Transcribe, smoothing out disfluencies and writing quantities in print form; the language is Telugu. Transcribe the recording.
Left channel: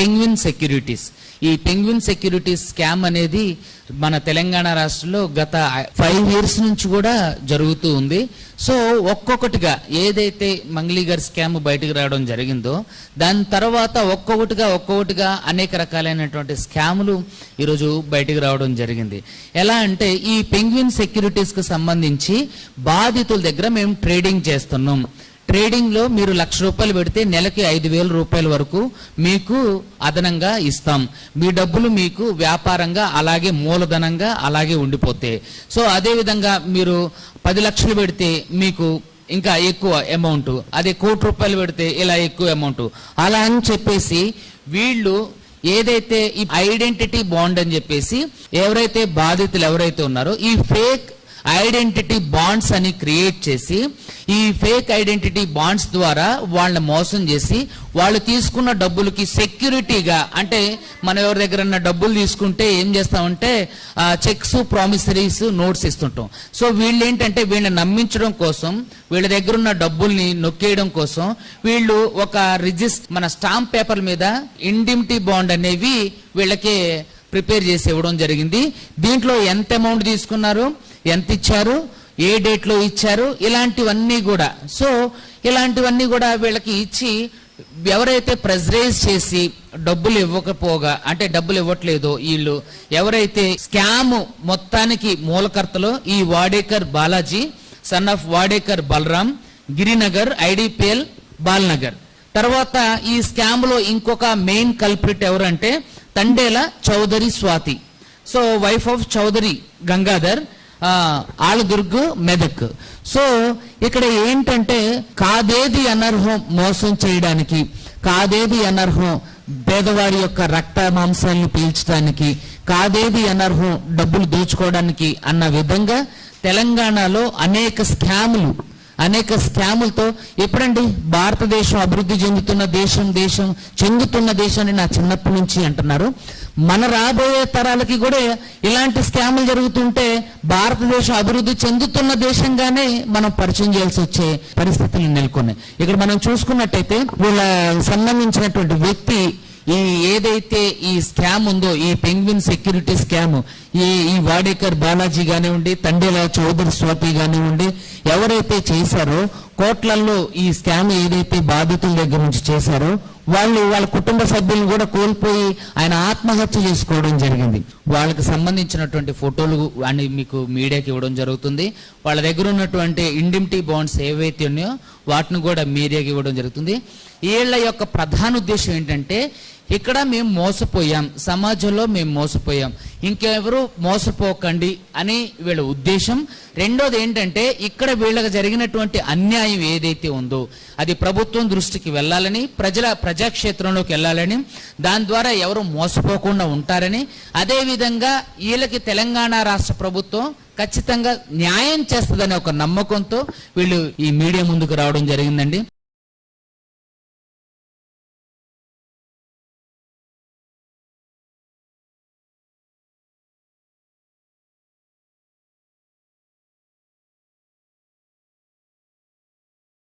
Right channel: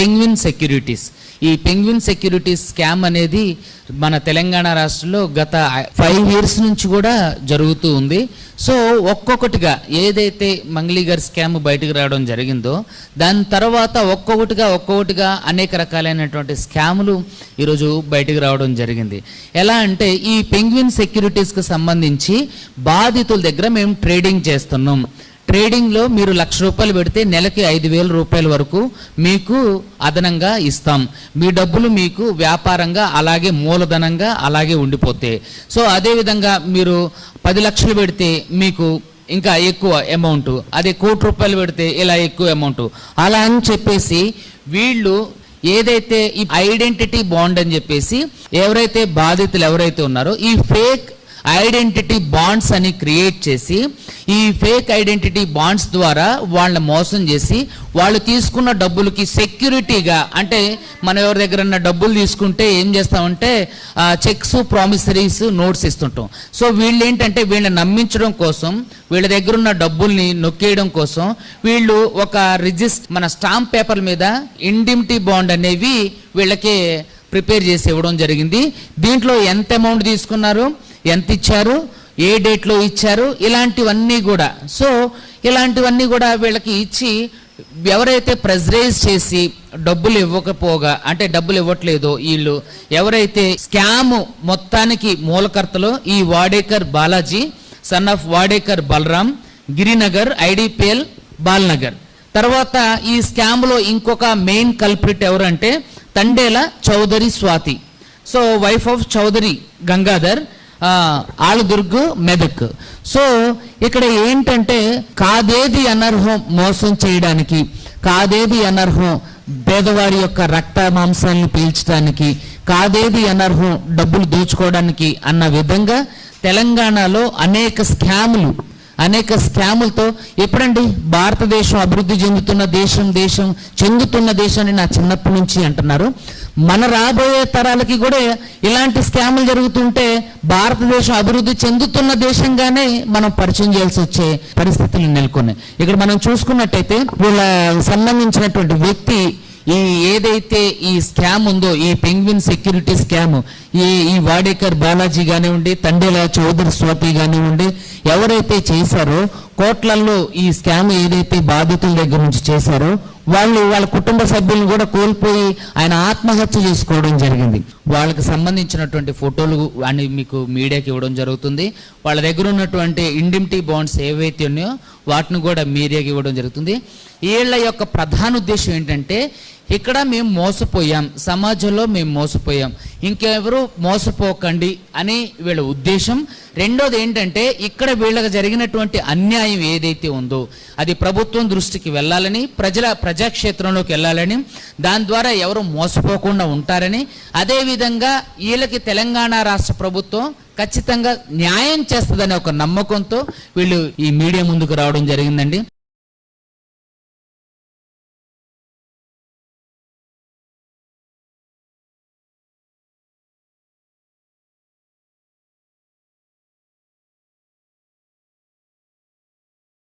Penguin securities. ఈ పెంగ్విన్ సెక్యూరిటీస్ స్కామ్ అనేది మన తెలంగాణ రాష్ట్రంలో గత 5 years నుంచి కూడా జరుగుతూ ఉంది. సో ఒక్కొక్కటిగా ఏదైతే మంగ్లీ గారి స్కామ్ బయటకు రావడం జరిగిందో దాని తర్వాత ఒక్కొక్కటిగా అనేక రకాలైనటువంటి స్కాములు ఈరోజు బయటకు రావడం జరిగింది. ఎలా అంటే ఈ పెంగ్విన్ సెక్యూరిటీస్కి సంబంధించి బాధితుల దగ్గర మేము ట్రేడింగ్ చేస్తున్నాం. ట్రేడింగ్లో మీరు ₹1,00,000 పెడితే నెలకి ₹5,000 వరకు మీకు అదనంగా ఇస్తాం. మీ డబ్బులు మీకు వ్యాపారంగా అలాగే మూలధనంగా అలాగే ఉండిపోతాయి. సో అదేవిధంగా మీరు 10 లక్షలు పెడితే మీకు ఇంకా ఎక్కువ అమౌంట్, అదే ₹1,00,000 పెడితే ఇలా ఎక్కువ అమౌంట్, అలా అని చెప్పేసి వీళ్ళు ఏదైతే ఈ ఐడెంటిటీ బాండ్ అని చెప్పేసి ఎవరైతే బాధితులు ఎవరైతే ఉన్నారో ఈ ఫేక్ ఐడెంటిటీ బాండ్స్ అని క్రియేట్ చేసి ఈ ఫేక్ ఐడెంటిటీ బాండ్స్ ద్వారా వాళ్ళని మోసం చేసి వాళ్ళు తీసుకున్న డబ్బులకి సెక్యూరిటీగా, అంటే మనం ఎవరి దగ్గర డబ్బులు తీసుకుంటే ఏం చేస్తామంటే చెక్స్, ప్రామిసరీస్, నోట్స్ ఇస్తుంటాం. సో వీళ్ళు ఏంటంటే వీళ్ళని నమ్మించడం కోసం, వీళ్ళ దగ్గర ఉన్న డబ్బుల్ని నొక్కేయడం కోసం వీళ్ళు ఒక మన స్టాంప్ పేపర్ మీద ఇండిమిటీ బాండ్ అనేవి వీళ్ళకి ప్రిపేర్ చేసి ఇవ్వడం జరిగింది. దీంట్లో ఎంత అమౌంట్ తీసుకున్నారు, ఎంత ఇచ్చారు, ఏ డేట్లో ఇచ్చారు, ఇలాంటివన్నీ కూడా. సో ఇలాంటివన్నీ కూడా వీళ్ళకి ఇచ్చి ఎవరైతే ప్రెజరైజ్ చేసి డబ్బులు ఇవ్వకపోగా, అంటే డబ్బులు ఇవ్వట్లేదో వీళ్ళు ఎవరైతే స్కామ్ మొత్తానికి మూలకర్తలో ఈ Wadekar Balaji son of Wadekar Balaram, Girinagar, IDPL, Balanagar. తర్వాత ఈ స్కామ్ లో ఇంకొక మెయిన్ కల్ప్రిట్ ఎవరంటే Tandela Chowdary Swathi, so wife of Chowdary Gangadhar, Alladurg, Medak. So ఇక్కడ ఏంటంటే కాదేది అనర్హం మోసం చేయడానికి, కాదేది అనర్హం పేదవారి యొక్క రక్త మాంసాలను పీల్చడానికి, కాదేది అనర్హం డబ్బులు దోచుకోవడానికి అన్న విధంగా తెలంగాణలో అనేక స్కాములతో ఎప్పుడండి భారతదేశం అభివృద్ధి చెందుతున్న దేశాన్ని నా చిన్నప్పటి నుంచి అంటున్నారు. మన రాబోయే తరాలకి కూడా ఇలాంటి స్కాములు జరుగుతుంటే భారతదేశం అభివృద్ధి చెందుతున్న దేశంగానే మనం పరిచయం చేయాల్సి వచ్చే పరిస్థితులు నెలకొన్నాయి. ఇక్కడ మనం చూసుకున్నట్టయితే వీళ్ళ సంబంధించినటువంటి వ్యక్తి ఏదైతే ఈ స్కామ్ ఉందో, ఈ పెంగ్విన్ సెక్యూరిటీ స్కామ్, ఈ వాడేకర్ బాలాజీ కానివ్వండి, తండేల చౌదరి స్వాతి కానివ్వండి, ఎవరైతే చేశారో కోట్లల్లో ఈ స్కామ్ ఏదైతే బాధితుల దగ్గర నుంచి చేశారో వాళ్ళ కుటుంబ సభ్యులను కూడా కోల్పోయి ఆయన ఆత్మహత్య చేసుకోవడం జరిగింది. వాళ్ళకి సంబంధించినటువంటి ఫోటోలు అని మీకు మీడియాకి ఇవ్వడం జరుగుతుంది. వాళ్ళ దగ్గర ఉన్నటువంటి ఇండిమిటీ బాండ్స్ ఏవైతే ఉన్నాయో వాటిని కూడా మీడియాకి ఇవ్వడం జరుగుతుంది. వీళ్ళ యొక్క ప్రధాన ఉద్దేశం ఏంటంటే ఇక్కడ మేము మోసపోయాం, సమాజంలో మేము మోసపోయాం, ఇంకెవరు మోసపోకండి అని వీళ్ళ ఉద్దేశం. రెండోది ఏంటంటే ఇక్కడ వీళ్ళకి జరిగినటువంటి అన్యాయం ఏదైతే ఉందో అది ప్రభుత్వం దృష్టికి వెళ్ళాలని, ప్రజాక్షేత్రంలోకి వెళ్ళాలని, దాని ద్వారా ఎవరు మోసపోకుండా ఉంటారని, అదేవిధంగా వీళ్ళకి తెలంగాణ రాష్ట్ర ప్రభుత్వం ఖచ్చితంగా న్యాయం చేస్తుందనే ఒక నమ్మకంతో వీళ్ళు ఈ మీడియా ముందుకు రావడం జరిగిందండి.